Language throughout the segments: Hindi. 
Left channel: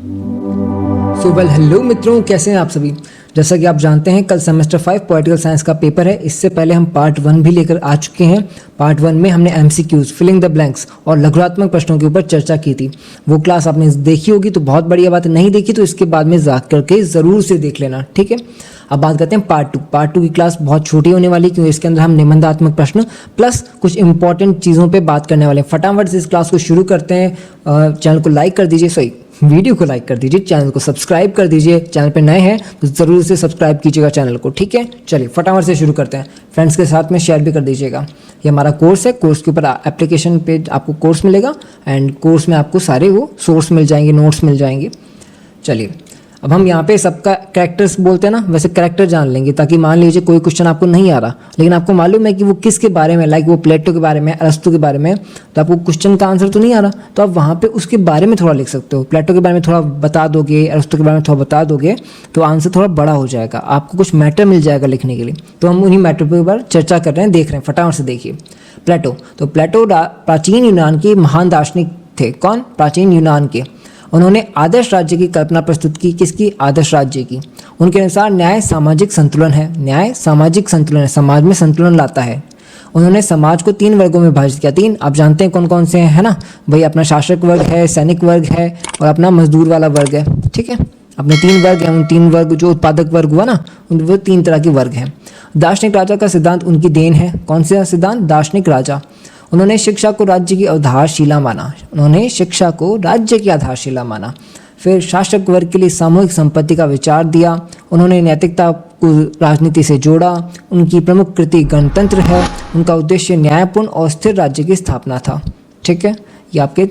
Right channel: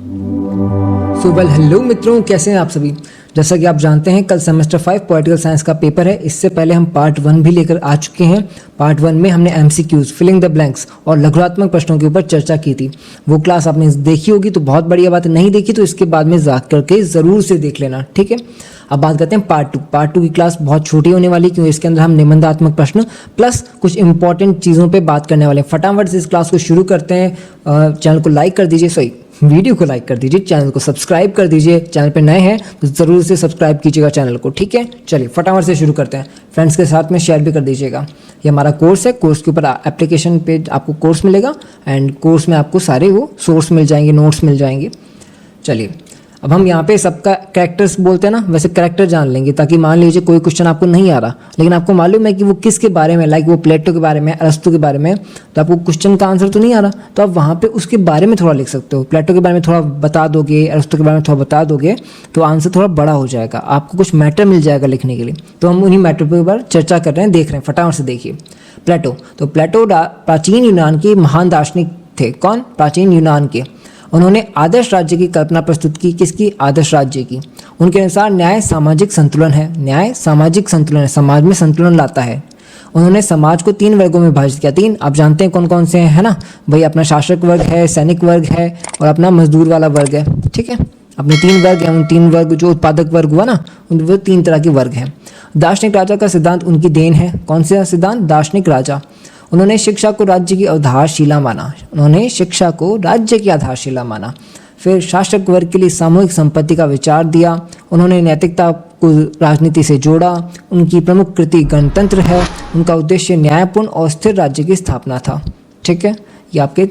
हेलो मित्रों, कैसे हैं आप सभी। जैसा कि आप जानते हैं, कल सेमेस्टर 5 पॉलिटिकल साइंस का पेपर है। इससे पहले हम पार्ट 1 भी लेकर आ चुके हैं। पार्ट 1 में हमने एमसीक्यूज, फिलिंग द ब्लैंक्स और लघुरात्मक प्रश्नों के ऊपर चर्चा की थी। वो क्लास आपने देखी होगी तो बहुत बढ़िया बात है, नहीं देखी तो इसके बाद में जा करके ज़रूर से देख लेना, ठीक है। अब बात करते हैं पार्ट 2। पार्ट 2 की क्लास बहुत छोटी होने वाली, क्योंकि इसके अंदर हम निबंधात्मक प्रश्न प्लस कुछ इंपॉर्टेंट चीज़ों पे बात करने वाले हैं। फटाफट से इस क्लास को शुरू करते हैं। चैनल को लाइक कर दीजिए, सही वीडियो को लाइक कर दीजिए, चैनल को सब्सक्राइब कर दीजिए। चैनल पे नए हैं तो ज़रूर से सब्सक्राइब कीजिएगा चैनल को, ठीक है। चलिए फटाफट से शुरू करते हैं। फ्रेंड्स के साथ में शेयर भी कर दीजिएगा। ये हमारा कोर्स है, कोर्स के ऊपर एप्लीकेशन पे आपको कोर्स मिलेगा एंड कोर्स में आपको सारे वो सोर्स मिल जाएंगे, नोट्स मिल जाएंगे। चलिए अब हम यहाँ पे सबका कैरेक्टर्स बोलते हैं ना, वैसे कैरेक्टर जान लेंगे, ताकि मान लीजिए कोई क्वेश्चन आपको नहीं आ रहा लेकिन आपको मालूम है कि वो किसके बारे में, लाइक वो प्लेटो के बारे में, अरस्तु के बारे में, तो आपको क्वेश्चन का आंसर तो नहीं आ रहा तो आप वहाँ पे उसके बारे में थोड़ा लिख सकते हो। प्लेटो के बारे में थोड़ा बता दोगे, अरस्तु के बारे में थोड़ा बता दोगे तो आंसर थोड़ा बड़ा हो जाएगा, आपको कुछ मैटर मिल जाएगा लिखने के लिए। तो हम उन्हीं मैटर के ऊपर चर्चा कर रहे हैं, देख रहे हैं। फटाफट से देखिए प्लेटो। तो प्लेटो प्राचीन यूनान की महान दार्शनिक थे। कौन? प्राचीन यूनान के। उन्होंने आदर्श राज्य की कल्पना प्रस्तुत की। किसकी? आदर्श राज्य की। उनके अनुसार न्याय सामाजिक संतुलन है। न्याय सामाजिक संतुलन है, समाज में संतुलन लाता है। उन्होंने समाज को 3 वर्गों में विभाजित किया। 3 आप जानते हैं कौन कौन से हैं, है ना भाई। अपना शासक वर्ग है, सैनिक वर्ग है और अपना मजदूर वाला वर्ग है, ठीक है। अपने 3 वर्ग हैं। उन 3 वर्ग जो उत्पादक वर्ग हुआ ना, वो 3 तरह के वर्ग हैं। दार्शनिक राजा का सिद्धांत उनकी देन है। कौन सा सिद्धांत? दार्शनिक राजा। उन्होंने शिक्षा को राज्य की आधारशिला माना। उन्होंने शिक्षा को राज्य की आधारशिला माना। फिर शासक वर्ग के लिए सामूहिक संपत्ति का विचार दिया। उन्होंने नैतिकता को राजनीति से जोड़ा। उनकी प्रमुख कृति गणतंत्र है। उनका उद्देश्य न्यायपूर्ण और स्थिर राज्य की स्थापना था, ठीक है। ये आपके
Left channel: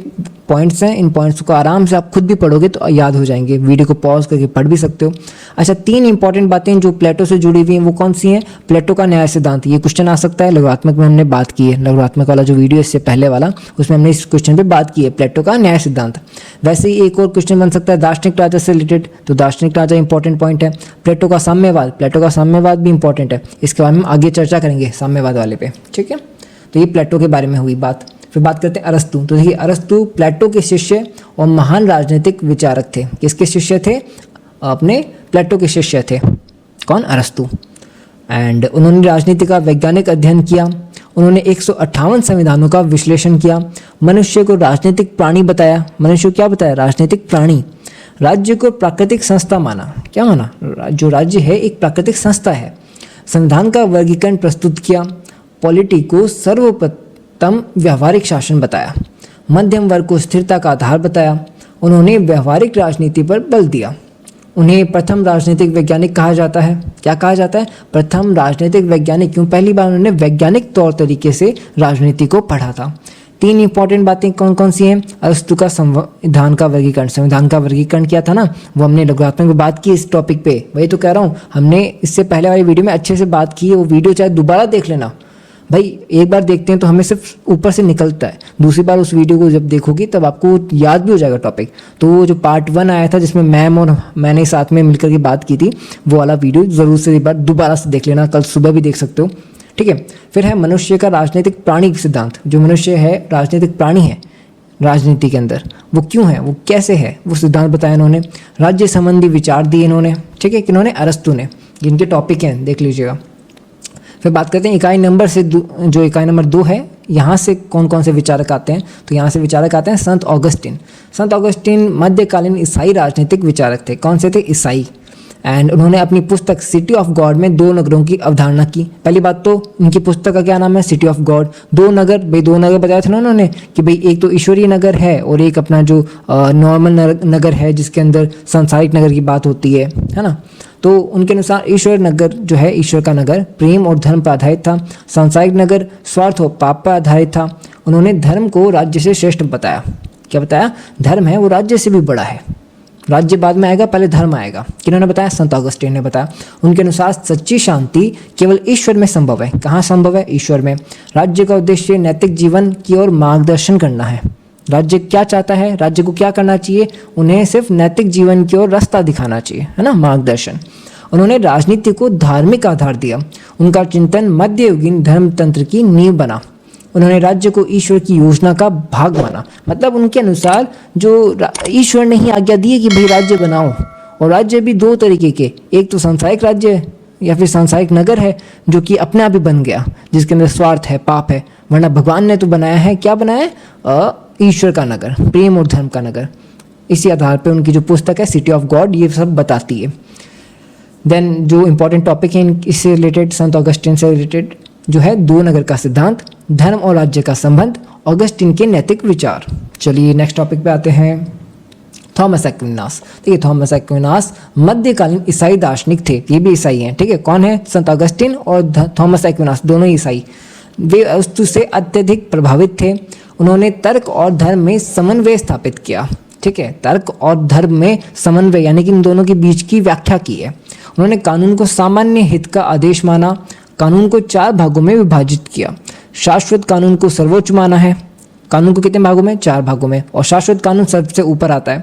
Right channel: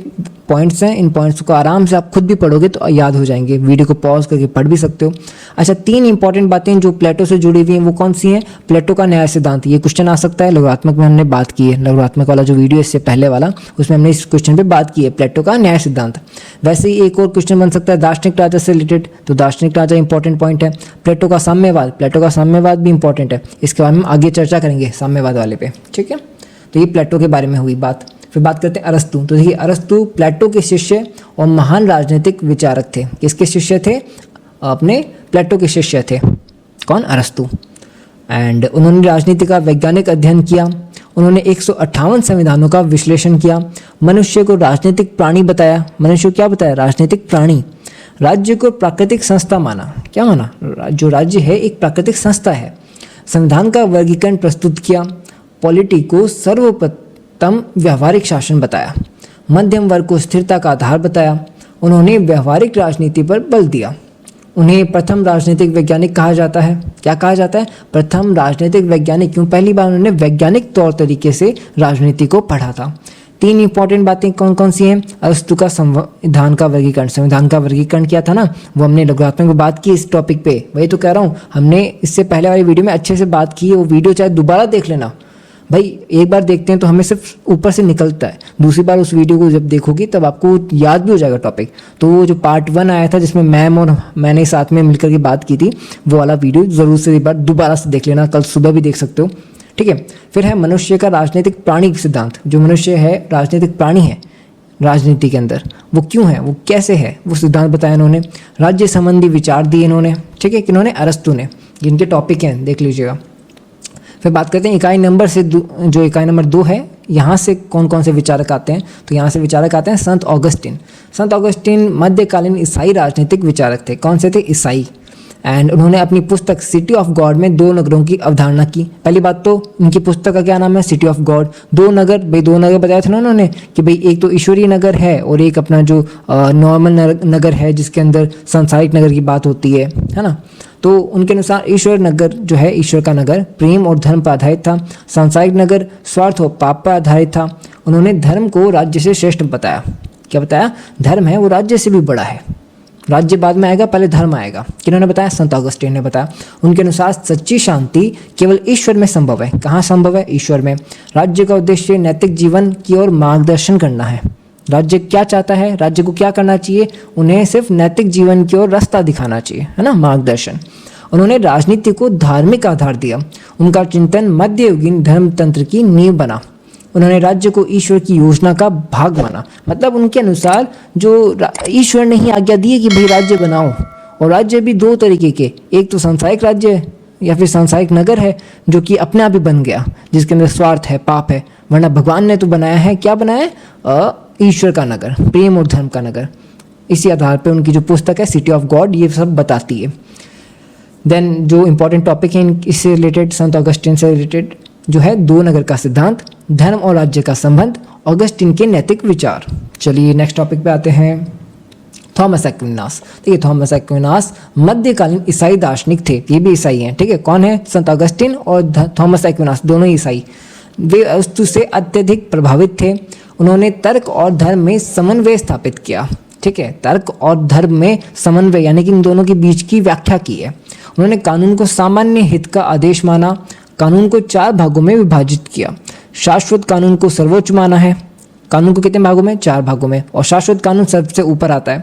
पॉइंट्स हैं। इन पॉइंट्स को आराम से आप खुद भी पढ़ोगे तो याद हो जाएंगे। वीडियो को पॉज करके पढ़ भी सकते हो। अच्छा, 3 इंपॉर्टेंट बातें जो प्लेटो से जुड़ी हुई हैं वो कौन सी हैं? प्लेटो का न्याय सिद्धांत, ये क्वेश्चन आ सकता है। लघुरात्मक में हमने बात की है, लघुरात्मक वाला जो वीडियो है इससे पहले वाला, उसमें हमने इस क्वेश्चन पे बात की है, प्लेटो का न्याय सिद्धांत। वैसे ही एक और क्वेश्चन बन सकता है दार्शनिक राजा से रिलेटेड। तो दार्शनिक राजा इंपॉर्टेंट पॉइंट है। प्लेटो का साम्यवाद, प्लेटो का साम्यवाद भी इंपॉर्टेंट है। इसके बारे में आगे चर्चा करेंगे, साम्यवाद वाले पे, ठीक है। तो ये प्लेटो के बारे में हुई बात। फिर बात करते हैं अरस्तु। तो ये अरस्तु प्लेटो के शिष्य और महान राजनीतिक विचारक थे। किसके शिष्य थे? अपने प्लेटो के शिष्य थे। कौन? अरस्तु। एंड उन्होंने राजनीति का वैज्ञानिक अध्ययन किया। उन्होंने 158 संविधानों का विश्लेषण किया। मनुष्य को राजनीतिक प्राणी बताया। मनुष्य को क्या बताया? राजनीतिक प्राणी। राज्य को प्राकृतिक संस्था माना। क्या माना? जो राज्य है एक प्राकृतिक संस्था है। संविधान का वर्गीकरण प्रस्तुत किया। पॉलिटी को सर्वोपरि व्यवहारिक शासन बताया। मध्यम वर्ग को स्थिरता का आधार बताया। उन्होंने व्यवहारिक राजनीति पर बल दिया। उन्हें प्रथम राजनीतिक वैज्ञानिक कहा जाता है। क्या कहा जाता है? प्रथम राजनीतिक वैज्ञानिक। क्यों? पहली बार उन्होंने वैज्ञानिक तौर तरीके से राजनीति को पढ़ा था। 3 इंपॉर्टेंट बातें कौन कौन सी हैं? अरस्तु का संविधान का वर्गीकरण, संविधान का वर्गीकरण किया था ना, वो हमने लघुरात्मक में बात की इस टॉपिक पे। वही तो कह रहा हूँ, हमने इससे पहले वाली वीडियो में अच्छे से बात की। वो वीडियो चाहे दोबारा देख लेना भाई। एक बार देखते हैं तो हमें सिर्फ ऊपर से निकलता है, दूसरी बार उस वीडियो को जब देखोगी तब आपको याद भी हो जाएगा टॉपिक। तो वो जो पार्ट 1 आया था जिसमें मैम और मैंने साथ में मिलकर की बात की थी, वो वाला वीडियो जरूर से एक बार दोबारा से देख लेना। कल सुबह भी देख सकते हो, ठीक है। फिर है मनुष्य का राजनीतिक प्राणी सिद्धांत। जो मनुष्य है राजनीतिक प्राणी है राजनीति के अंदर, वो क्यों है, वो कैसे है, वो सिद्धांत बताया इन्होंने। राज्य संबंधी विचार दिए इन्होंने, ठीक है। किन्होंने? अरस्तु ने। जिनके टॉपिक है देख लीजिएगा। फिर बात करते हैं इकाई नंबर से, जो इकाई नंबर 2 है, यहाँ से कौन कौन से विचारक आते हैं? तो यहाँ से विचारक आते हैं संत ऑगस्टिन। संत ऑगस्टिन मध्यकालीन ईसाई राजनीतिक विचारक थे। कौन से थे? ईसाई। एंड उन्होंने अपनी पुस्तक सिटी ऑफ गॉड में 2 नगरों की अवधारणा की। पहली बात तो उनकी पुस्तक का क्या नाम है? City of God. 2 नगर, भाई 2 नगर बताया था ना उन्होंने कि भाई एक तो ईश्वरीय नगर है और एक अपना जो नॉर्मल नगर है जिसके अंदर सांसारिक नगर की बात होती है ना। तो उनके अनुसार ईश्वर नगर जो है, ईश्वर का नगर प्रेम और धर्म पर आधारित था। सांसारिक नगर स्वार्थ और पाप पर आधारित था। उन्होंने धर्म को राज्य से श्रेष्ठ बताया। क्या बताया? धर्म है वो राज्य से भी बड़ा है। राज्य बाद में आएगा, पहले धर्म आएगा। किन्होंने बताया? संत ऑगस्टिन ने बताया। उनके अनुसार सच्ची शांति केवल ईश्वर में संभव है। कहाँ संभव है? ईश्वर में। राज्य का उद्देश्य नैतिक जीवन की ओर मार्गदर्शन करना है। राज्य क्या चाहता है? राज्य को क्या करना चाहिए? उन्हें सिर्फ नैतिक जीवन की ओर रास्ता दिखाना चाहिए, है ना, मार्गदर्शन। उन्होंने राजनीति को धार्मिक आधार दिया। उनका चिंतन मध्ययुगीन धर्मतंत्र की नींव बना। उन्होंने राज्य को ईश्वर की योजना का भाग माना, मतलब उनके अनुसार जो ईश्वर ने ही आज्ञा दी है कि भाई राज्य बनाओ, और राज्य भी दो तरीके के, एक तो सांसारिक राज्य या फिर सांसारिक नगर है जो कि अपने आप ही बन गया, जिसके अंदर स्वार्थ है, पाप है, वरना भगवान ने तो बनाया है, क्या बनाया है, ईश्वर का नगर, प्रेम और धर्म का नगर। इसी आधार पर उनकी जो पुस्तक है सिटी ऑफ गॉड ये सब बताती है। देन जो इंपॉर्टेंट टॉपिक है इससे रिलेटेड, संत ऑगस्टिन से रिलेटेड जो है, दो नगर का सिद्धांत, धर्म और राज्य का संबंध, ऑगस्टिन के नैतिक विचार। चलिए नेक्स्ट टॉपिक पे आते हैं, थॉमस एक्विनास। ठीक है, थॉमस एक्विनास मध्यकालीन ईसाई दार्शनिक थे, ये भी ईसाई हैं। ठीक है, कौन है, संत ऑगस्टिन और थॉमस एक्विनास, दोनों ईसाई। वे अस्तु से अत्यधिक प्रभावित थे। उन्होंने तर्क और धर्म में समन्वय स्थापित किया। ठीक है, तर्क और धर्म में समन्वय यानी कि इन दोनों के बीच की व्याख्या की है। उन्होंने कानून को सामान्य हित का आदेश माना, कानून को 4 भागों में विभाजित किया। शाश्वत कानून को सर्वोच्च माना है। कानून को कितने भागों में, 4 भागों में, और शाश्वत कानून सबसे ऊपर आता है।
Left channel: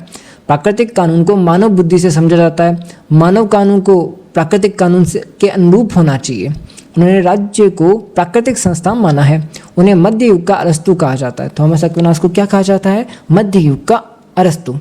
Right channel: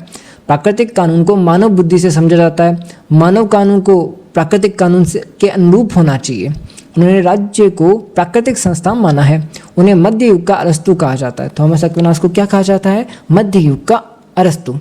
प्राकृतिक कानून को मानव बुद्धि से समझा जाता है। मानव कानून को प्राकृतिक कानून से के अनुरूप होना चाहिए। उन्होंने राज्य को प्राकृतिक संस्था माना है। उन्हें मध्य युग का अरस्तु कहा जाता है। थॉमस एक्विनास को क्या कहा जाता है, मध्य युग का अरस्तु।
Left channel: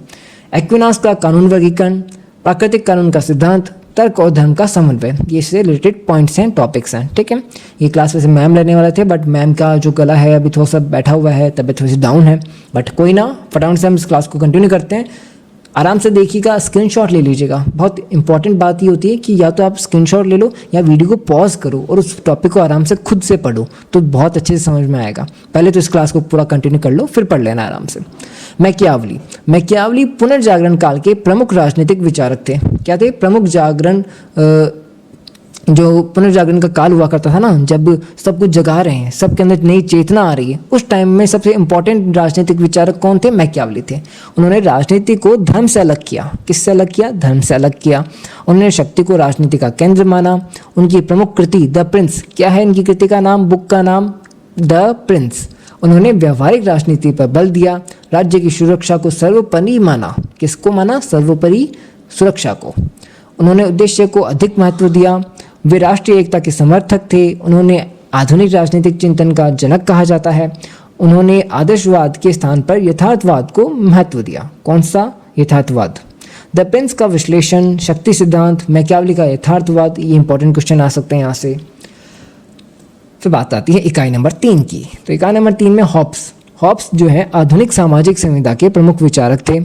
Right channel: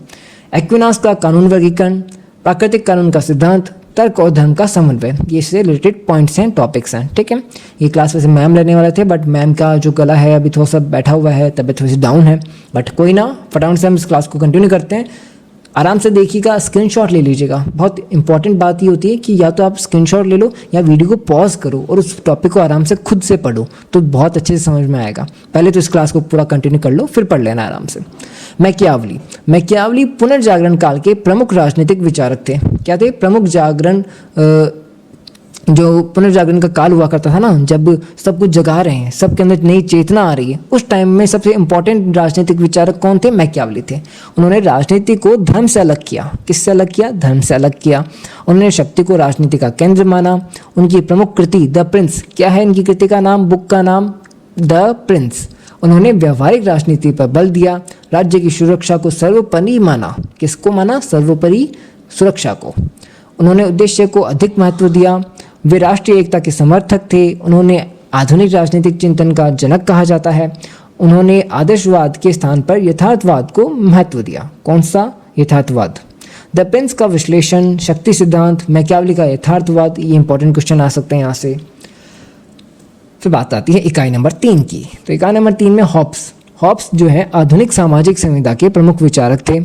एक्विनास का कानून वर्गीकरण, प्राकृतिक कानून का सिद्धांत, तर्क और धर्म का समन्वय, ये से रिलेटेड पॉइंट्स एंड टॉपिक्स हैं। ठीक है, ये क्लास में से मैम लेने वाले थे, बट मैम का जो गला है अभी थोड़ा सा बैठा हुआ है, तबीयत थोड़ी सी डाउन है, बट कोई ना, फटाफट से हम इस क्लास को कंटिन्यू करते हैं। आराम से देखिएगा, स्क्रीनशॉट ले लीजिएगा। बहुत इंपॉर्टेंट बात ये होती है कि या तो आप स्क्रीनशॉट ले लो या वीडियो को पॉज करो और उस टॉपिक को आराम से खुद से पढ़ो, तो बहुत अच्छे से समझ में आएगा। पहले तो इस क्लास को पूरा कंटिन्यू कर लो, फिर पढ़ लेना आराम से। मैकियावली पुनर्जागरण काल के प्रमुख राजनीतिक विचारक थे। क्या थे, प्रमुख जागरण, जो पुनर्जागरण का काल हुआ करता था ना, जब सब कुछ जगा रहे हैं, सबके अंदर नई चेतना आ रही है, उस टाइम में सबसे इंपॉर्टेंट राजनीतिक विचारक कौन थे, मैकियावली थे। उन्होंने राजनीति को धर्म से अलग किया। किससे अलग किया, धर्म से अलग किया। उन्होंने शक्ति को राजनीति का केंद्र माना। उनकी प्रमुख कृति द प्रिंस, क्या है इनकी कृति का नाम, बुक का नाम, द प्रिंस। उन्होंने व्यवहारिक राजनीति पर बल दिया। राज्य की सुरक्षा को सर्वोपरि माना। किसको माना, सर्वोपरि सुरक्षा को। उन्होंने उद्देश्य को अधिक महत्व दिया। वे राष्ट्रीय एकता के समर्थक थे। उन्होंने आधुनिक राजनीतिक चिंतन का जनक कहा जाता है। उन्होंने आदर्शवाद के स्थान पर यथार्थवाद को महत्व दिया। कौन सा, यथार्थवाद। द प्रिंस का विश्लेषण, शक्ति सिद्धांत, मैकियावली का यथार्थवाद, ये इंपॉर्टेंट क्वेश्चन आ सकते हैं यहाँ से। फिर बात आती है इकाई नंबर 3 की। तो इकाई नंबर 3 में हॉब्स जो है आधुनिक सामाजिक संविदा के प्रमुख विचारक थे।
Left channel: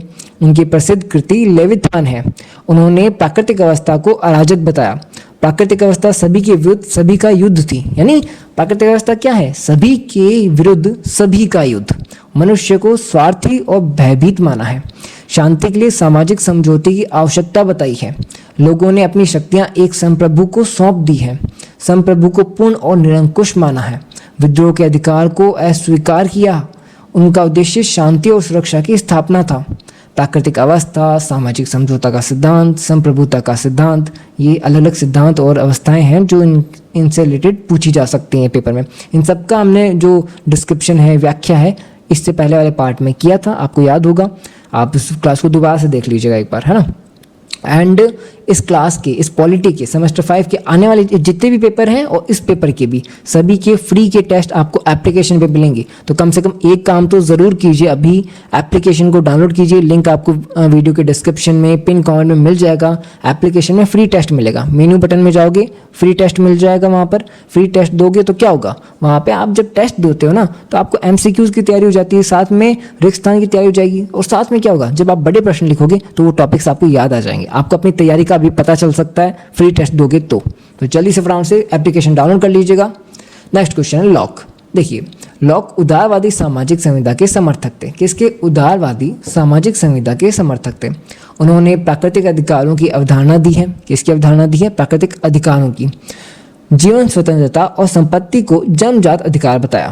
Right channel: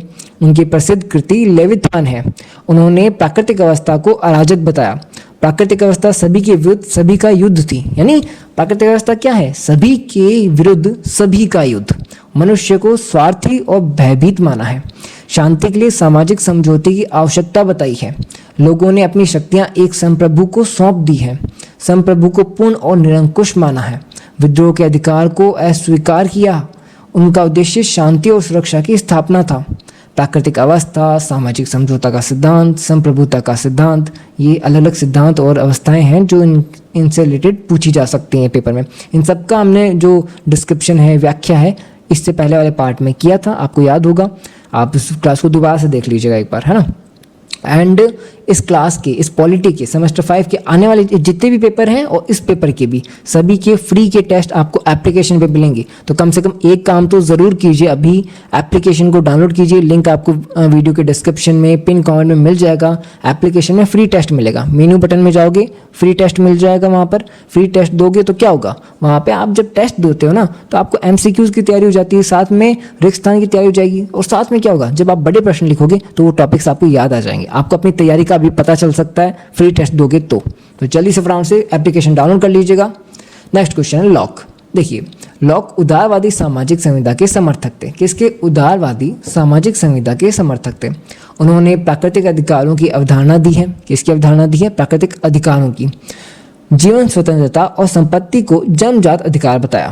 इनकी प्रसिद्ध कृति लेविथान है। उन्होंने प्राकृतिक अवस्था को अराजक बताया। प्राकृतिक अवस्था सभी के विरुद्ध सभी का युद्ध थी, यानी प्राकृतिक अवस्था क्या है, सभी के विरुद्ध सभी का युद्ध। मनुष्य को स्वार्थी और भयभीत माना है। शांति के लिए सामाजिक समझौते की आवश्यकता बताई है। लोगों ने अपनी शक्तियां एक संप्रभु को सौंप दी है। संप्रभु को पूर्ण और निरंकुश माना है। विद्रोह के अधिकार को अस्वीकार किया। उनका उद्देश्य शांति और सुरक्षा की स्थापना था। प्राकृतिक अवस्था, सामाजिक समझौता का सिद्धांत, संप्रभुता का सिद्धांत, ये अलग अलग सिद्धांत और अवस्थाएं हैं जो इनसे रिलेटेड पूछी जा सकती हैं पेपर में। इन सबका हमने जो डिस्क्रिप्शन है, व्याख्या है, इससे पहले वाले पार्ट में किया था, आपको याद होगा। आप इस क्लास को दोबारा से देख लीजिएगा एक बार, है ना। एंड इस क्लास के, इस पॉलिटी के सेमेस्टर 5 के आने वाले जितने भी पेपर हैं और इस पेपर के भी, सभी के फ्री के टेस्ट आपको एप्लीकेशन पे मिलेंगे। तो कम से कम एक काम तो ज़रूर कीजिए, अभी एप्लीकेशन को डाउनलोड कीजिए। लिंक आपको वीडियो के डिस्क्रिप्शन में, पिन कमेंट में मिल जाएगा। एप्लीकेशन में फ्री टेस्ट मिलेगा। मेन्यू बटन में जाओगे, फ्री टेस्ट मिल जाएगा। वहाँ पर फ्री टेस्ट दोगे तो क्या होगा, वहाँ पर आप जब टेस्ट देते हो ना, तो आपको MCQs की तैयारी हो जाती है, साथ में रिक्तस्थान की तैयारी हो जाएगी, और साथ में क्या होगा, जब आप बड़े प्रश्न लिखोगे तो वो टॉपिक्स आपको याद आ जाएंगे। आपको अपनी तैयारी का भी पता चल सकता है फ्री टेस्ट दोगे तो जल्दी से फटाफट से एप्लीकेशन डाउनलोड कर लीजिएगा। नेक्स्ट क्वेश्चन है लॉक। देखिए, लॉक उदारवादी सामाजिक संविदा के समर्थक थे। किसके, उदारवादी सामाजिक संविदा के समर्थक थे। उन्होंने प्राकृतिक अधिकारों की अवधारणा दी है। किसकी अवधारणा दी है, प्राकृतिक अधिकारों की। जीवन स्वतंत्रता और संपत्ति को जन्मजात अधिकार बताया।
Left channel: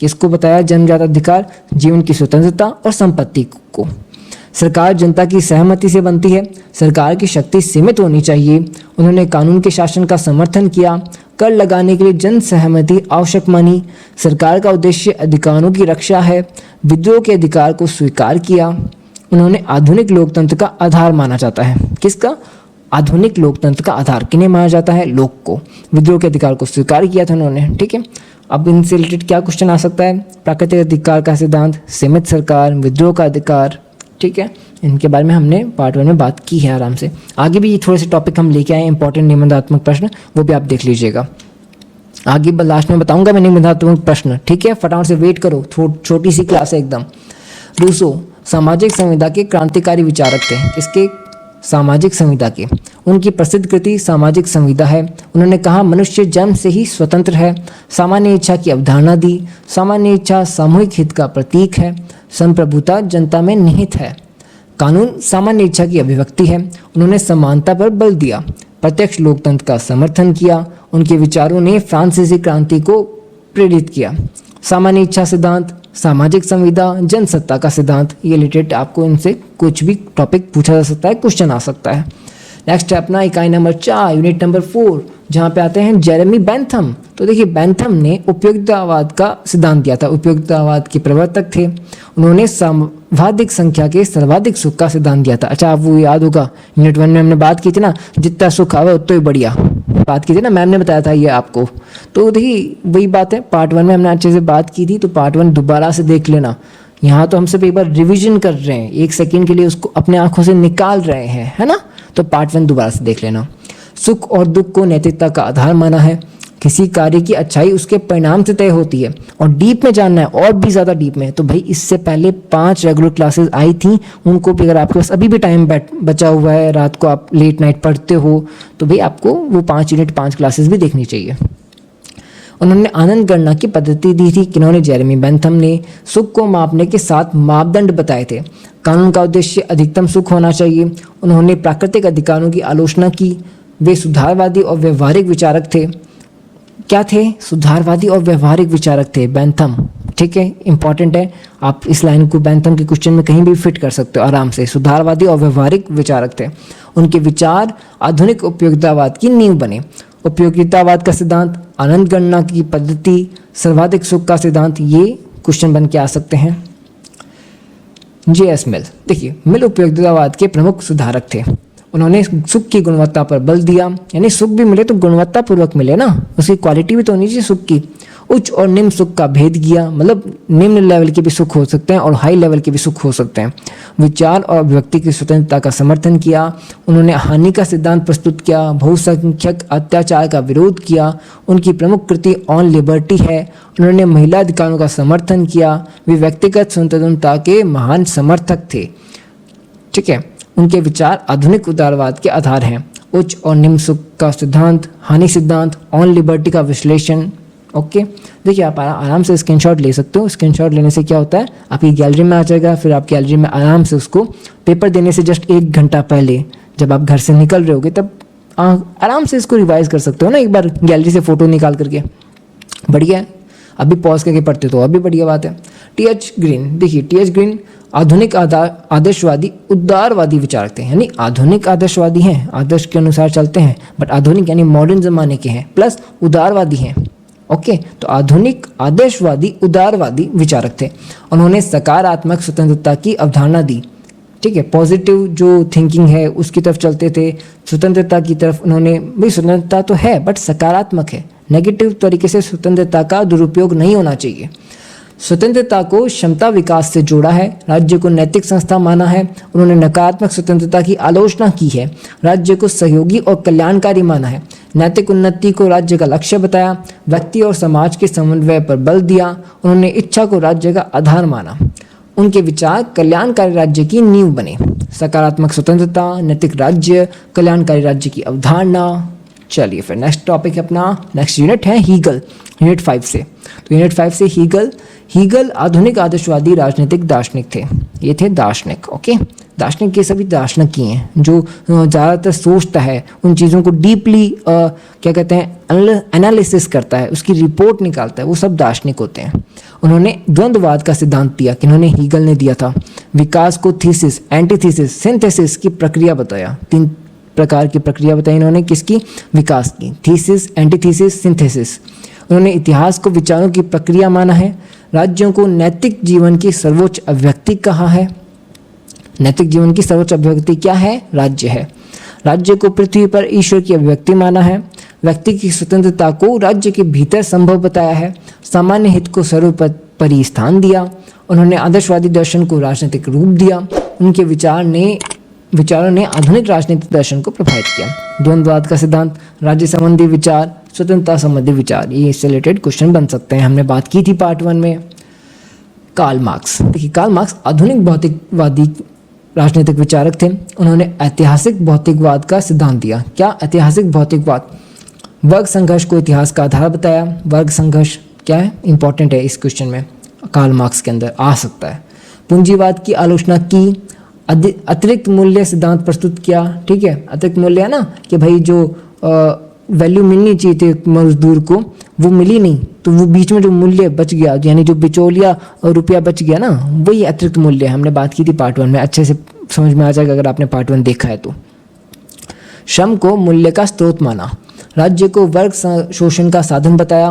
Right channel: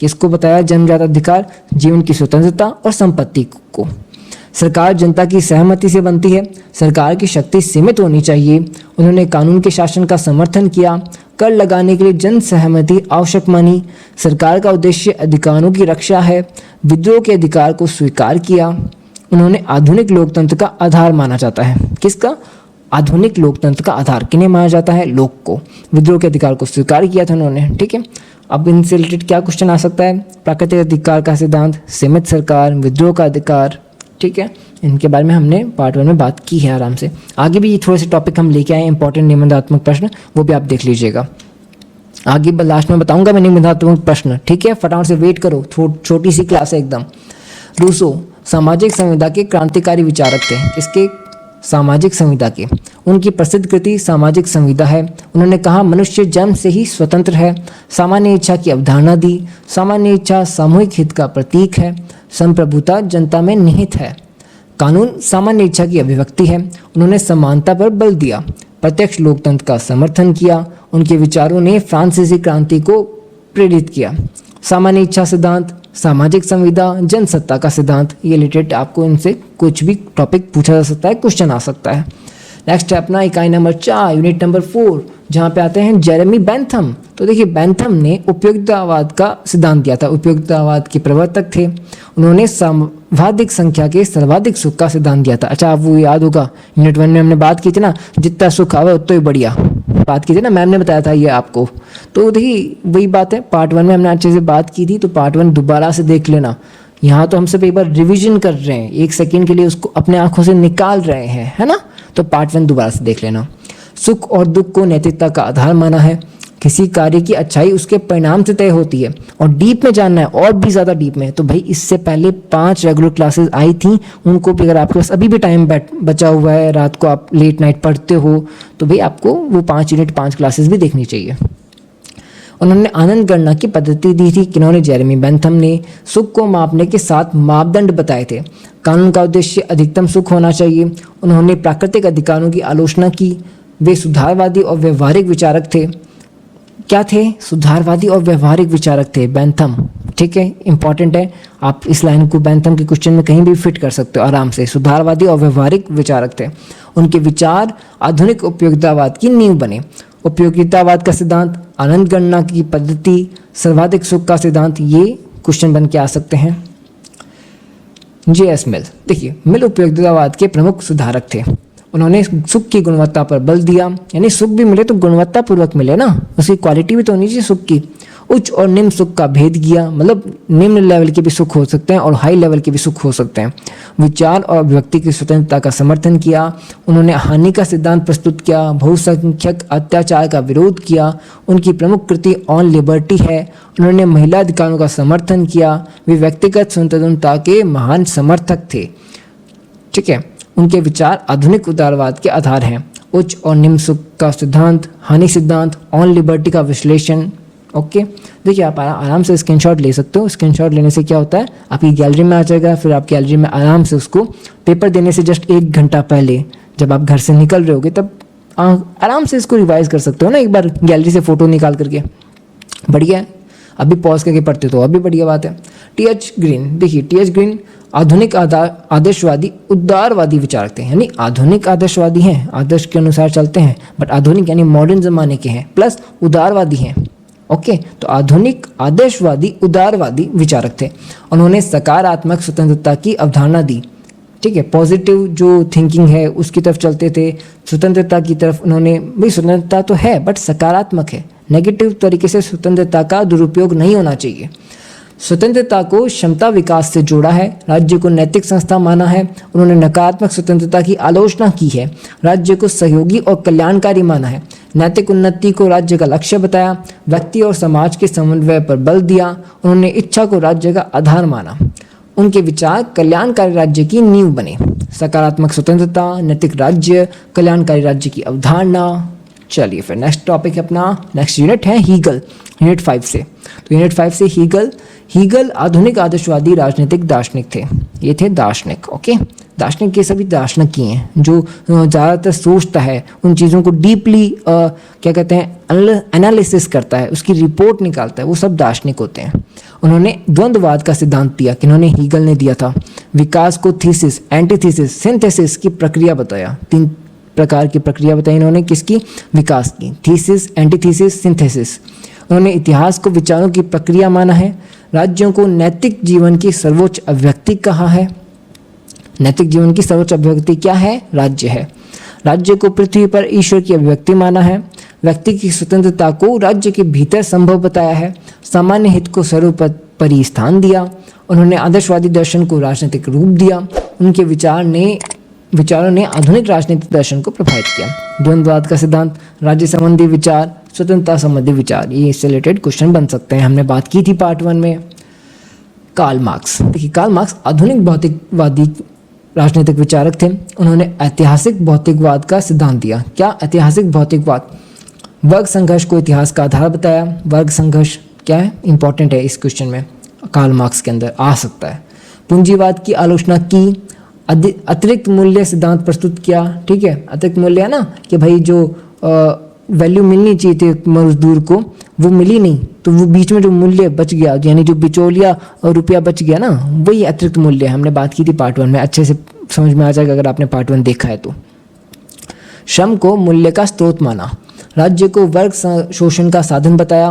किसको बताया, जन्मजात अधिकार, जीवन की स्वतंत्रता और संपत्ति को। सरकार जनता की सहमति से बनती है। सरकार की शक्ति सीमित होनी चाहिए। उन्होंने कानून के शासन का समर्थन किया। कर लगाने के लिए जन सहमति आवश्यक मानी। सरकार का उद्देश्य अधिकारों की रक्षा है। विद्रोह के अधिकार को स्वीकार किया। उन्होंने आधुनिक लोकतंत्र का आधार माना जाता है। किसका, आधुनिक लोकतंत्र का आधार किन्हें माना जाता है? लोक को। विद्रोह के अधिकार को स्वीकार किया था उन्होंने, ठीक है। अब इनसे रिलेटेड क्या क्वेश्चन आ सकता है? प्राकृतिक अधिकार का सिद्धांत, सीमित सरकार, विद्रोह का अधिकार, ठीक है। इनके बारे में हमने पार्ट 1 में बात की है आराम से। आगे भी थोड़े से टॉपिक हम लेके आए इंपॉर्टेंट निबंधात्मक प्रश्न, वो भी आप देख लीजिएगा। आगे लास्ट में बताऊंगा मैं निबंधात्मक प्रश्न, ठीक है। फटाफट से वेट करो, छोटी सी क्लास है एकदम। रूसो सामाजिक संविदा के क्रांतिकारी विचारक थे। इसके सामाजिक संविदा के, उनकी प्रसिद्ध कृति सामाजिक संविदा है। उन्होंने कहा मनुष्य जन्म से ही स्वतंत्र है, सामान्य इच्छा की अवधारणा दी, सामान्य इच्छा सामूहिक हित का प्रतीक है, संप्रभुता जनता में निहित है, कानून सामान्य इच्छा की अभिव्यक्ति है। उन्होंने समानता पर बल दिया, प्रत्यक्ष लोकतंत्र का समर्थन किया। उनके विचारों ने फ्रांसीसी क्रांति को प्रेरित किया। सामान्य इच्छा सिद्धांत, सामाजिक संविदा, जनसत्ता का सिद्धांत, ये रिलेटेड आपको इनसे कुछ भी टॉपिक पूछा जा सकता है, क्वेश्चन आ सकता है। नेक्स्ट है अपना इकाई नंबर 4 यूनिट नंबर 4, जहाँ पे आते हैं जेरेमी बेंथम। तो देखिए बेंथम ने उपयोगितावाद का सिद्धांत दिया था, उपयोगितावाद के प्रवर्तक थे। उन्होंने सर्वाधिक संख्या के सर्वाधिक सुख का सिद्धांत दिया था। अच्छा वो याद होगा यूनिट 1 में हमने बात की थी ना, जितना सुख आवे उतना ही बढ़िया, बात की थी ना, मैंने बताया था ये आपको। तो देखिए वही बात है, पार्ट 1 में हमने अच्छे से बात की थी, तो पार्ट 1 दोबारा से देख लेना। यहाँ तो हम सब एक बार रिवीजन कर रहे हैं, एक सेकेंड के लिए उसको अपने आंखों से निकाल रहे हैं, है ना। तो पार्ट 1 दोबारा से देख लेना। सुख और दुख को नैतिकता का आधार माना है। किसी कार्य की अच्छाई उसके परिणाम से तय होती है। और डीप में जानना है, और भी ज्यादा डीप में, तो भाई इससे पहले 5 रेगुलर क्लासेस आई थी, उनको भी अगर आपके पास अभी भी टाइम बचा हुआ है, रात को आप लेट नाइट पढ़ते हो, तो भाई आपको वो 5 यूनिट 5 क्लासेस भी देखनी चाहिए। उन्होंने आनंद गणना की पद्धति दी थी। किन्होंने? जेरेमी बेंथम ने। सुख को मापने के 7 मापदंड बताए थे। कानून का उद्देश्य अधिकतम सुख होना चाहिए। उन्होंने प्राकृतिक अधिकारों की आलोचना की। वे सुधारवादी और व्यवहारिक विचारक थे। क्या थे? सुधारवादी और व्यवहारिक विचारक थे बेंथम, ठीक है, इंपॉर्टेंट है। आप इस लाइन को बेंथम के क्वेश्चन में कहीं भी फिट कर सकते हो आराम से। सुधारवादी और व्यवहारिक विचारक थे। उनके विचार आधुनिक उपयोगितावाद की नींव बने। उपयोगितावाद का सिद्धांत, आनंद गणना की पद्धति, सर्वाधिक सुख का सिद्धांत, ये क्वेश्चन बन के आ सकते हैं। J.S. मिल, देखिए मिल उपयोगितावाद के प्रमुख सुधारक थे। उन्होंने सुख की गुणवत्ता पर बल दिया, यानी सुख भी मिले तो गुणवत्ता पूर्वक मिले ना, उसकी क्वालिटी भी तो होनी चाहिए सुख की। उच्च और निम्न सुख का भेद किया, मतलब निम्न लेवल के भी सुख हो सकते हैं और हाई लेवल के भी सुख हो सकते हैं। विचार और अभिव्यक्ति की स्वतंत्रता का समर्थन किया। उन्होंने हानि का सिद्धांत प्रस्तुत किया। बहुसंख्यक अत्याचार का विरोध किया। उनकी प्रमुख कृति ऑन लिबर्टी है। उन्होंने महिला अधिकारों का समर्थन किया। वे व्यक्तिगत स्वतंत्रता के महान समर्थक थे, ठीक है। उनके विचार आधुनिक उदारवाद के आधार हैं। उच्च और निम्न सुख का सिद्धांत, हानि सिद्धांत, ऑन लिबर्टी का विश्लेषण, ओके। देखिए आप आराम से स्क्रीनशॉट ले सकते हो। स्क्रीनशॉट लेने से क्या होता है, आपकी गैलरी में आ जाएगा, फिर आप गैलरी में आराम से उसको पेपर देने से जस्ट 1 घंटा पहले जब आप घर से निकल रहे होगे तब आराम से इसको रिवाइज कर सकते हो ना, एक बार गैलरी से फोटो निकाल करके। बढ़िया है, अभी पॉज करके पढ़ते तो अभी बढ़िया बात है। T.H. ग्रीन, देखिए T.H. ग्रीन आधुनिक आदर्शवादी उदारवादी विचारक थे, यानी आधुनिक आदर्शवादी हैं, आदर्श के अनुसार चलते हैं, बट आधुनिक यानी मॉडर्न जमाने के हैं, प्लस उदारवादी हैं, ओके। तो आधुनिक आदर्शवादी उदारवादी विचारक थे। उन्होंने सकारात्मक स्वतंत्रता की अवधारणा दी, ठीक है, पॉजिटिव जो थिंकिंग है उसकी तरफ चलते थे। स्वतंत्रता की तरफ उन्होंने भी, स्वतंत्रता तो है बट सकारात्मक है, नेगेटिव तरीके से स्वतंत्रता का दुरुपयोग नहीं होना चाहिए। स्वतंत्रता को क्षमता विकास से जोड़ा है। राज्य को नैतिक संस्था माना है। उन्होंने नकारात्मक स्वतंत्रता की आलोचना की है। राज्य को सहयोगी और कल्याणकारी माना है। नैतिक उन्नति को राज्य का लक्ष्य बताया। व्यक्ति और समाज के समन्वय पर बल दिया। उन्होंने इच्छा को राज्य का आधार माना। उनके विचार कल्याणकारी राज्य की नींव बने। सकारात्मक स्वतंत्रता, नैतिक राज्य, कल्याणकारी राज्य की अवधारणा। चलिए फिर नेक्स्ट टॉपिक अपना, नेक्स्ट यूनिट है हीगल, यूनिट 5 से। यूनिट 5 से हीगल आधुनिक आदर्शवादी राजनीतिक दार्शनिक थे। ये थे दार्शनिक, ओके। दार्शनिक के सभी दार्शनिक ही हैं जो ज़्यादातर सोचता है, उन चीज़ों को डीपली क्या कहता है एनालिसिस करता है, उसकी रिपोर्ट निकालता है, वो सब दार्शनिक होते हैं। उन्होंने द्वंद्ववाद का सिद्धांत दिया, किन्होंने हीगल ने दिया था। विकास को थीसिस, एंटीथीसिस, सिंथेसिस की प्रक्रिया बताया। 3 प्रकार की प्रक्रिया बताई इन्होंने, किसकी? विकास की, थीसिस, एंटीथीसिस, सिंथेसिस। उन्होंने इतिहास को विचारों की प्रक्रिया माना है। राज्यों को नैतिक जीवन की सर्वोच्च अभिव्यक्ति कहा है। नैतिक जीवन की सर्वोच्च अभिव्यक्ति क्या है? राज्य है। राज्य को पृथ्वी पर ईश्वर की अभिव्यक्ति माना है, व्यक्ति की स्वतंत्रता को राज्य के भीतर संभव बताया है, सामान्य हित को सर्वोपरि स्थान दिया, उन्होंने आदर्शवादी दर्शन को राजनीतिक रूप दिया, उनके विचारों ने आधुनिक राजनीतिक दर्शन को प्रभावित किया। द्वंद्ववाद का सिद्धांत, राज्य संबंधी विचार, स्वतंत्रता संबंधी विचार, ये इससे रिलेटेड क्वेश्चन बन सकते हैं। हमने बात की थी पार्ट 1 में। कार्ल मार्क्स, देखिए कार्ल मार्क्स आधुनिक भौतिकवादी राजनीतिक विचारक थे। उन्होंने ऐतिहासिक भौतिकवाद का सिद्धांत दिया। क्या ऐतिहासिक भौतिकवाद? वर्ग संघर्ष को इतिहास का आधार बताया। वर्ग संघर्ष क्या है, इंपॉर्टेंट है, इस क्वेश्चन में कार्ल मार्क्स के अंदर आ सकता है। पूंजीवाद की आलोचना की, अतिरिक्त मूल्य सिद्धांत प्रस्तुत किया। ठीक है, अतिरिक्त मूल्य है ना कि भाई जो वैल्यू मिलनी चाहिए थी मजदूर को वो मिली नहीं, तो वो बीच में जो मूल्य बच गया, यानी जो बिचौलिया और रुपया बच गया ना, वही अतिरिक्त मूल्य। हमने बात की थी पार्ट 1 में, अच्छे से समझ में आ जाएगा अगर आपने पार्ट 1 देखा है तो। श्रम को मूल्य का स्रोत माना, राज्य को वर्ग शोषण का साधन बताया,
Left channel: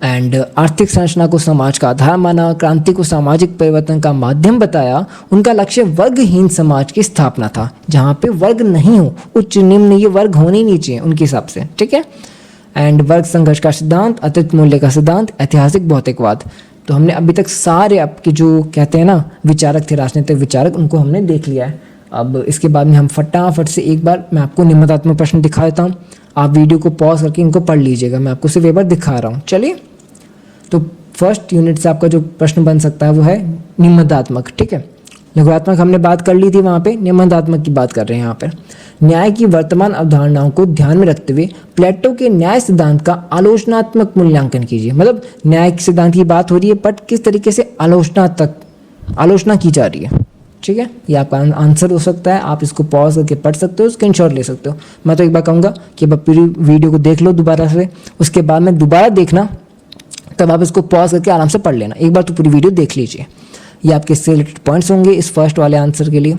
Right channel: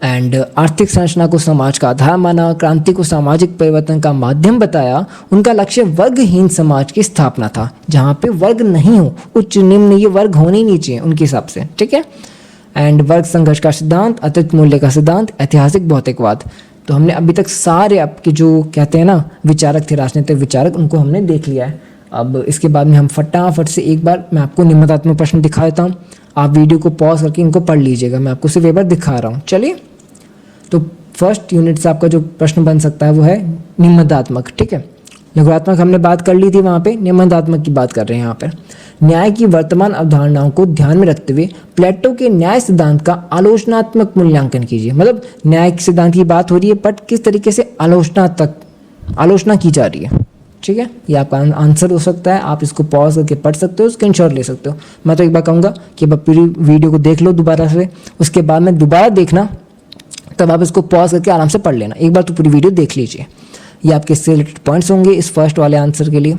एंड आर्थिक संरचना को समाज का आधार माना, क्रांति को सामाजिक परिवर्तन का माध्यम बताया। उनका लक्ष्य वर्गहीन समाज की स्थापना था, जहाँ पे वर्ग नहीं हो, उच्च निम्न ये वर्ग होने ही नहीं चाहिए उनके हिसाब से। ठीक है, एंड वर्ग संघर्ष का सिद्धांत, अतिरिक्त मूल्य का सिद्धांत, ऐतिहासिक भौतिकवाद। तो हमने अभी तक सारे आपके जो कहते हैं ना विचारक थे, राजनीतिक विचारक, उनको हमने देख लिया है। अब इसके बाद में हम फटाफट से एक बार मैं आपको निबंधात्मक प्रश्न दिखा देता हूँ। आप वीडियो को पॉज करके इनको पढ़ लीजिएगा, मैं आपको सिर्फ एक बार दिखा रहा हूँ। चलिए, तो फर्स्ट यूनिट से आपका जो प्रश्न बन सकता है वो है निबंधात्मक। ठीक है, लघुत्मक हमने बात कर ली थी वहाँ पे, निबंधात्मक की बात कर रहे हैं यहाँ पे। न्याय की वर्तमान अवधारणाओं को ध्यान में रखते हुए प्लेटो के न्याय सिद्धांत का आलोचनात्मक मूल्यांकन कीजिए। मतलब न्याय के सिद्धांत की बात हो रही है, बट किस तरीके से आलोचना की जा रही है। ठीक है, ये आपका आंसर हो सकता है। आप इसको पॉज करके पढ़ सकते हो, स्क्रीनशॉट ले सकते हो। मैं तो एक बार कहूँगा कि पूरी वीडियो को देख लो दोबारा से, उसके बाद में दोबारा देखना, तब आप इसको पॉज करके आराम से पढ़ लेना। एक बार तो पूरी वीडियो देख लीजिए। ये आपके सिलेक्टेड पॉइंट्स होंगे इस फर्स्ट वाले आंसर के लिए।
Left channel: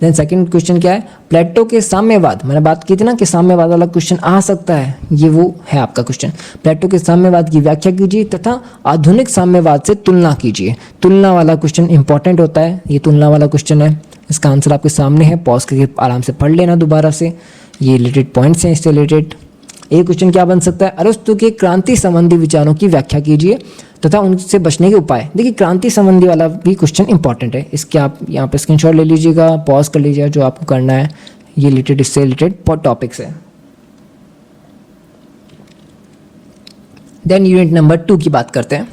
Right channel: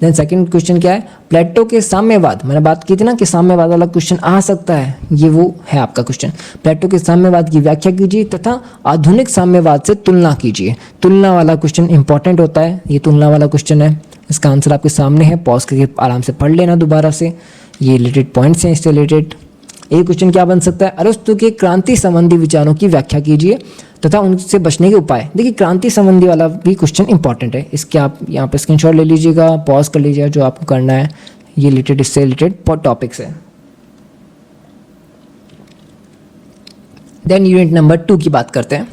देन सेकंड क्वेश्चन क्या है, प्लेटो के साम्यवाद। मैंने बात की थी ना कि साम्यवाद वाला क्वेश्चन आ सकता है, ये वो है आपका क्वेश्चन। प्लेटो के साम्यवाद की व्याख्या कीजिए तथा आधुनिक साम्यवाद से तुलना कीजिए। तुलना वाला क्वेश्चन इंपॉर्टेंट होता है, ये तुलना वाला क्वेश्चन है। इसका आंसर आपके सामने है, पॉज करके आराम से पढ़ लेना दोबारा से। ये रिलेटेड पॉइंट्स हैं इससे रिलेटेड। ये क्वेश्चन क्या बन सकता है, अरस्तु के क्रांति संबंधी विचारों की व्याख्या कीजिए तथा उनसे बचने के उपाय। देखिए क्रांति संबंधी वाला भी क्वेश्चन इंपॉर्टेंट है, इसके आप यहाँ पे स्क्रीनशॉट ले लीजिएगा, पॉज कर लीजिएगा जो आपको करना है। ये रिलेटेड इससे रिलेटेड टॉपिक्स है। देन यूनिट नंबर 2 की बात करते हैं।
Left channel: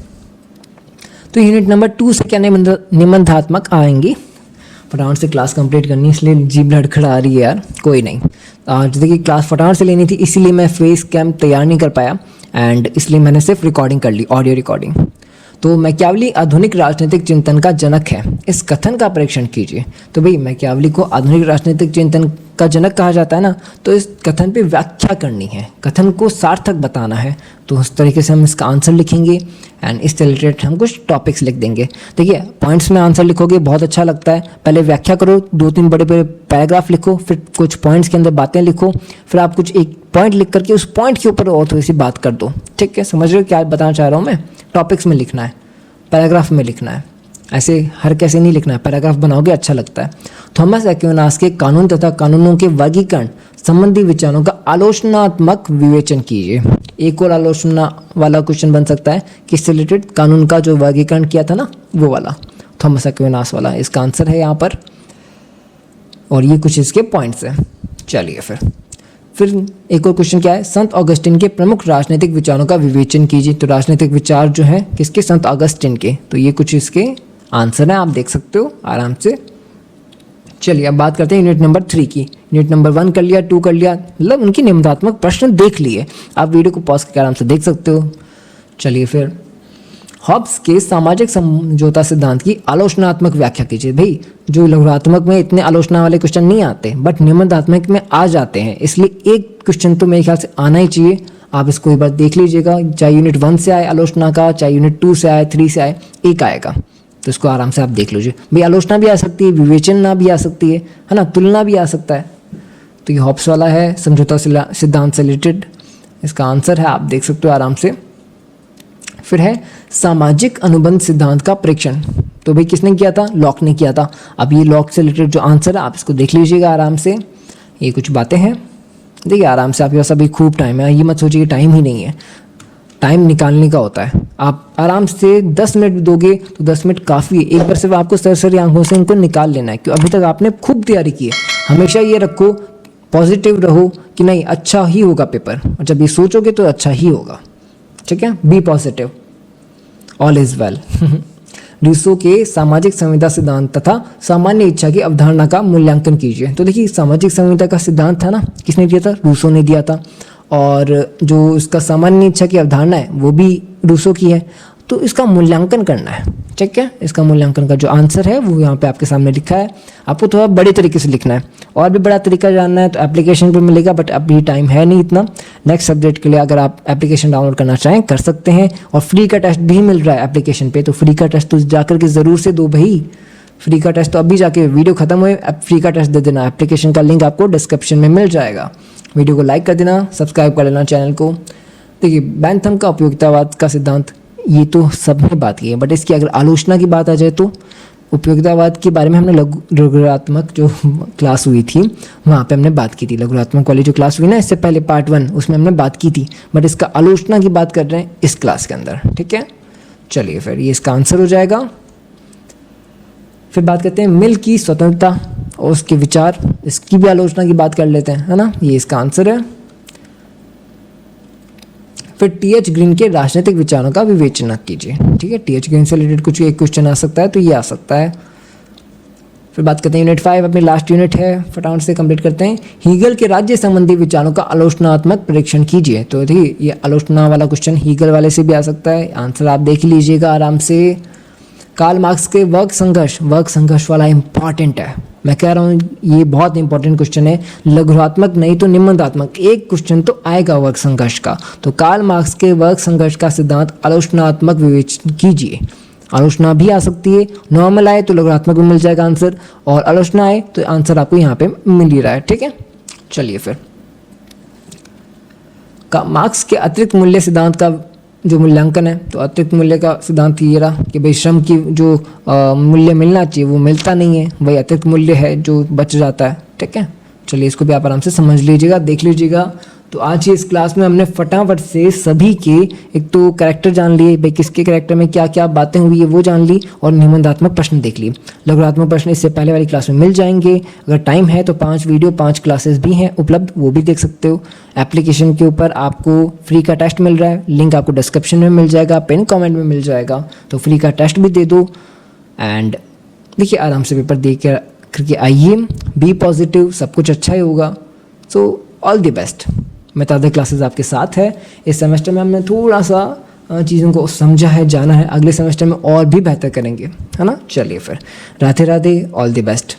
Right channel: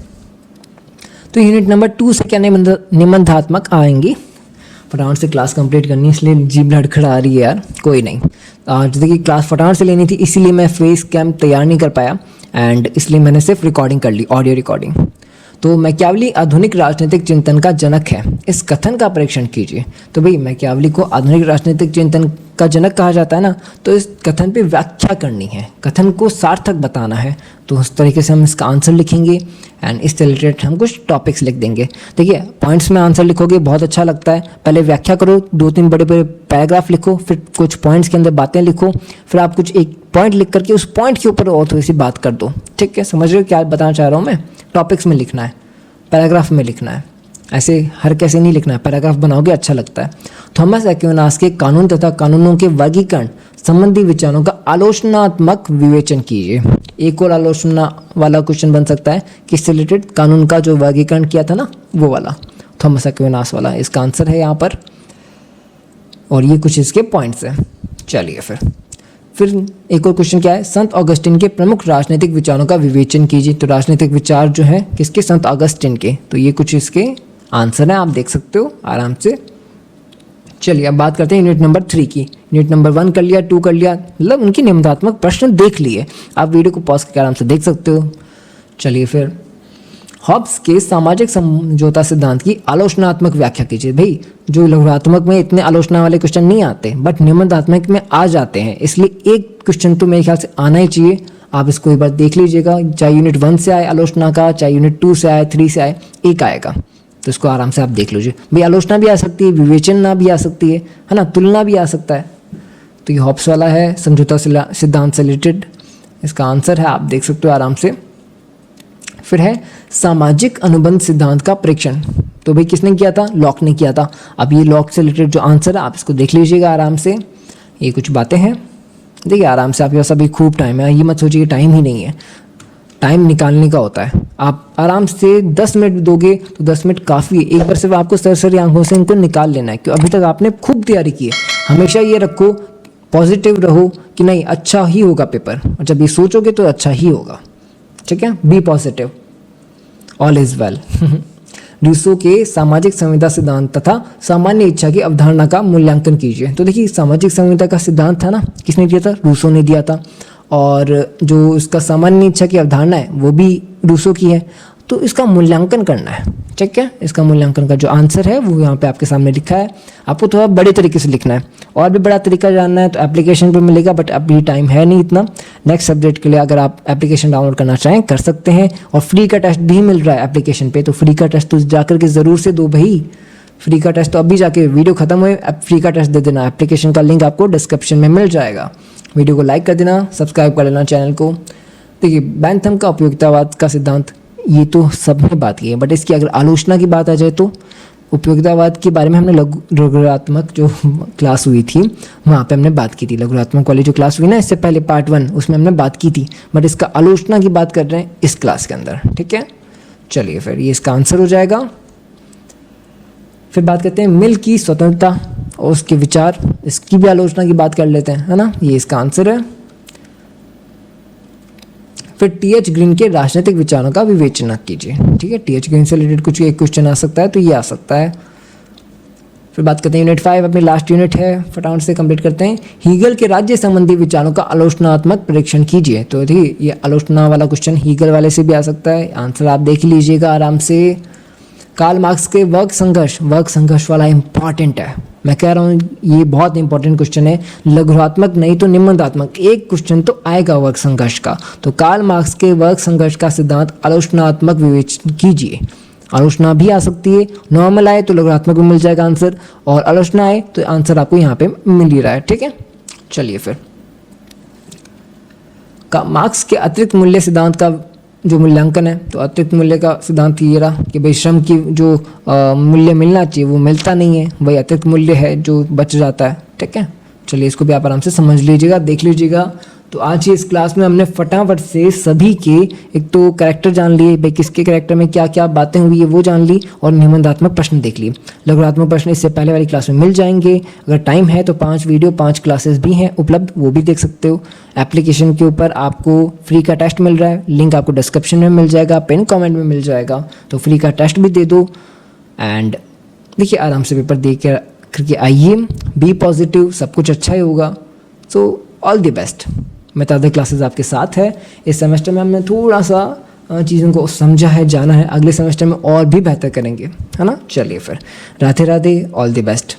तो यूनिट नंबर 2 से क्या निबंधात्मक आएंगे। फटाफट से क्लास कंप्लीट करनी, इसलिए जीभ लड़खड़ा आ रही है यार, कोई नहीं। आज देखिए क्लास फटाफट से लेनी थी, इसीलिए मैं फेस कैम तैयार नहीं कर पाया, एंड इसलिए मैंने सिर्फ रिकॉर्डिंग कर ली, ऑडियो रिकॉर्डिंग। तो मैकियावली आधुनिक राजनीतिक चिंतन का जनक है, इस कथन का परीक्षण कीजिए। तो भाई मैकियावली को आधुनिक राजनीतिक चिंतन का जनक कहा जाता है ना, तो इस कथन पे व्याख्या करनी है, कथन को सार्थक बताना है। तो उस तरीके से हम इसका आंसर लिखेंगे, एंड इस रिलेटेड हम कुछ टॉपिक्स लिख देंगे। देखिए पॉइंट्स में आंसर लिखोगे बहुत अच्छा लगता है, पहले व्याख्या करो, 2-3 बड़े बड़े पैराग्राफ लिखो, फिर कुछ पॉइंट्स के अंदर बातें लिखो, फिर आप कुछ एक पॉइंट लिख करके उस पॉइंट के ऊपर और थोड़ी सी बात कर दो। ठीक है, समझ रहे हो क्या बताना चाह रहा हूँ मैं। टॉपिक्स में लिखना है, पैराग्राफ में लिखना है, ऐसे हर कैसे नहीं लिखना है, पैराग्राफ बनाओगे अच्छा लगता है। थॉमस एक्विनास के कानून तथा कानूनों के वर्गीकरण संबंधी विचारों का आलोचनात्मक विवेचन कीजिए। एक और आलोचना वाला क्वेश्चन बन सकता है कि रिलेटेड कानून का जो वर्गीकरण किया था ना, वो वाला थॉमस एक्विनास वाला, इसका आंसर है यहाँ पर। और ये कुछ इसके पॉइंट्स हैं। चलिए फिर एक और क्वेश्चन क्या है, संत ऑगस्टिन के प्रमुख राजनीतिक विचारों का विवेचन कीजिए। तो राजनीतिक विचार जो है किसके, संत ऑगस्टिन के। तो ये कुछ इसके आंसर है, आप देख सकते हो आराम से। चलिए अब बात करते हैं यूनिट नंबर 3 की। यूनिट नंबर 1 कर लिया, 2 कर लिया, मतलब उनके निबंधात्मक प्रश्न देख लिए। आप वीडियो को पॉज करके आराम से देख सकते हो। चलिए फिर हॉब्स के सामाजिक समझौता सिद्धांत की आलोचनात्मक व्याख्या कीजिए। भाई जो लघुत्मक में इतने आलोचना वाले क्वेश्चन नहीं आते, बट निबंधात्मक में आ जाते हैं, इसलिए एक क्वेश्चन तो मेरे ख्याल से आना ही चाहिए। आप इसको एक बार देख लीजिएगा, चाहे यूनिट 1 से आए आलोचना का, चाहे यूनिट 2 से आए, 3 से आए, एक आएगा। तो इसको आराम से आप देख लीजिए। भाई आलोचना भी आ सकती है, विवेचना भी आ सकती है ना, तुलना भी आ सकता है। तो ये हॉब्स वाला है, समझौता सिद्धांत से रिलेटेड, इसका आंसर है, आप देख सकते हो आराम से। फिर है सामाजिक अनुबंध सिद्धांत का परीक्षण। तो भाई किसने किया था, लॉक ने किया था। अब ये लॉक से रिलेटेड जो आंसर है आप इसको देख लीजिएगा आराम से। ये कुछ बातें हैं। देखिए आराम से, आपके पास अभी खूब टाइम है, ये मत सोचिए कि टाइम ही नहीं है, टाइम निकालने का होता है। आप आराम से 10 मिनट दोगे तो 10 मिनट काफ़ी है। एक बार सिर्फ आपको सरसरी आंखों से इनको निकाल लेना है, क्योंकि अभी तक आपने खूब तैयारी की है। हमेशा ये रखो, पॉजिटिव रहो कि नहीं अच्छा ही होगा पेपर, जब ये सोचोगे तो अच्छा ही होगा, ठीक है। Be positive, all is well. Rousseau के सामाजिक संविदा सिद्धांत तथा सामान्य इच्छा की अवधारणा का मूल्यांकन कीजिए। तो देखिए सामाजिक संविदा का सिद्धांत था ना, किसने दिया था? रूसो ने दिया था। और जो उसका सामान्य इच्छा की अवधारणा है वो भी रूसो की है। तो इसका मूल्यांकन करना है, ठीक है। इसका मूल्यांकन का जो आंसर है वो यहाँ पे आपके सामने लिखा है। आपको थोड़ा बड़े तरीके से लिखना है, और भी बड़ा तरीका जानना है तो एप्लीकेशन पे मिलेगा, बट अभी टाइम है नहीं इतना। नेक्स्ट सब्जेक्ट के लिए अगर आप एप्लीकेशन डाउनलोड करना चाहें कर सकते हैं, और फ्री का टेस्ट भी मिल रहा है एप्लीकेशन पे। तो फ्री का टेस्ट तो जाकर के ज़रूर से दो भाई, फ्री का टेस्ट तो अभी जाके वीडियो खत्म हुए अब फ्री का टेस्ट दे देना। एप्लीकेशन का लिंक आपको डिस्क्रिप्शन में मिल जाएगा। वीडियो को लाइक कर देना, सब्सक्राइब कर लेना चैनल को। देखिए बेंथम का उपयोगितावाद का सिद्धांत, ये तो सबने बात की है, बट इसकी अगर आलोचना की बात आ जाए तो उपयोगितावाद के बारे में हमने लघुरात्मक जो क्लास हुई थी वहाँ पे हमने बात की थी। लघुरात्मक वाली जो क्लास हुई ना इससे पहले पार्ट 1, उसमें हमने बात की थी, बट इसका आलोचना की बात कर रहे हैं इस क्लास के अंदर, ठीक है। चलिए फिर ये इसका आंसर हो जाएगा। फिर बात करते हैं मिल की स्वतंत्रता और उसके विचार, इसकी भी आलोचना की बात कर लेते हैं, है ना। ये इसका आंसर है। फिर टी.एच. ग्रीन के राजनीतिक विचारों का विवेचना कीजिए, ठीक है। टी.एच. ग्रीन से रिलेटेड कुछ एक क्वेश्चन आ सकता है तो ये आ सकता है। फिर बात करते हैं यूनिट 5, अपनी लास्ट यूनिट है, फटाफट से कंप्लीट करते हैं। हीगल के राज्य संबंधी विचारों का आलोचनात्मक परीक्षण कीजिए। तो देखिए ये आलोचना वाला क्वेश्चन हीगल वाले से भी आ सकता है, आंसर आप देख लीजिएगा आराम से। कार्ल मार्क्स के वर्ग संघर्ष वाला इंपॉर्टेंट है, मैं कह रहा हूँ ये बहुत इंपॉर्टेंट क्वेश्चन है। लघुरात्मक नहीं तो निबंधात्मक एक क्वेश्चन तो आएगा वर्ग संघर्ष का। तो कार्ल मार्क्स के वर्ग संघर्ष का सिद्धांत आलोचनात्मक विवेचन कीजिए। आलोचना भी आ सकती है, नॉर्मल आए तो लघुरात्मक में मिल जाएगा आंसर, और आलोचना आए तो आंसर आपको यहाँ पे मिल ही रहा है, ठीक है। चलिए फिर मार्क्स के अतिरिक्त मूल्य सिद्धांत का जो मूल्यांकन है, तो अतिरिक्त मूल्य का सिद्धांत ये रहा कि भाई श्रम की जो मूल्य मिलना चाहिए वो मिलता नहीं है, वही अतिरिक्त मूल्य है जो बच जाता है, ठीक है। चलिए इसको भी आप आराम से समझ लीजिएगा, देख लीजिएगा। तो आज की इस क्लास में हमने फटाफट से सभी के एक तो कैरेक्टर जान लिए, भाई किसके कैरेक्टर में क्या क्या बातें हुई है वो जान ली, और निबंधात्मक प्रश्न देख लिए। लघुरात्मक प्रश्न इससे पहले वाली क्लास में मिल जाएंगे। अगर टाइम है तो 5 वीडियो 5 क्लासेस भी हैं उपलब्ध, वो भी देख सकते हो। एप्लीकेशन के ऊपर आपको फ्री का टेस्ट मिल रहा है, लिंक आपको डिस्क्रिप्शन में मिल जाएगा, पिन कमेंट में मिल जाएगा। तो फ्री का टेस्ट भी दे दो, एंड देखिए आराम से पेपर दे करके आइए। बी पॉजिटिव, सब कुछ अच्छा ही होगा। So all the best. मैं तो अदर क्लासेस आपके साथ है। इस सेमेस्टर में हमने थोड़ा सा चीज़ों को समझा है, जाना है, अगले सेमेस्टर में और भी बेहतर करेंगे, है ना। चलिए फिर Radhe Radhe, all the best.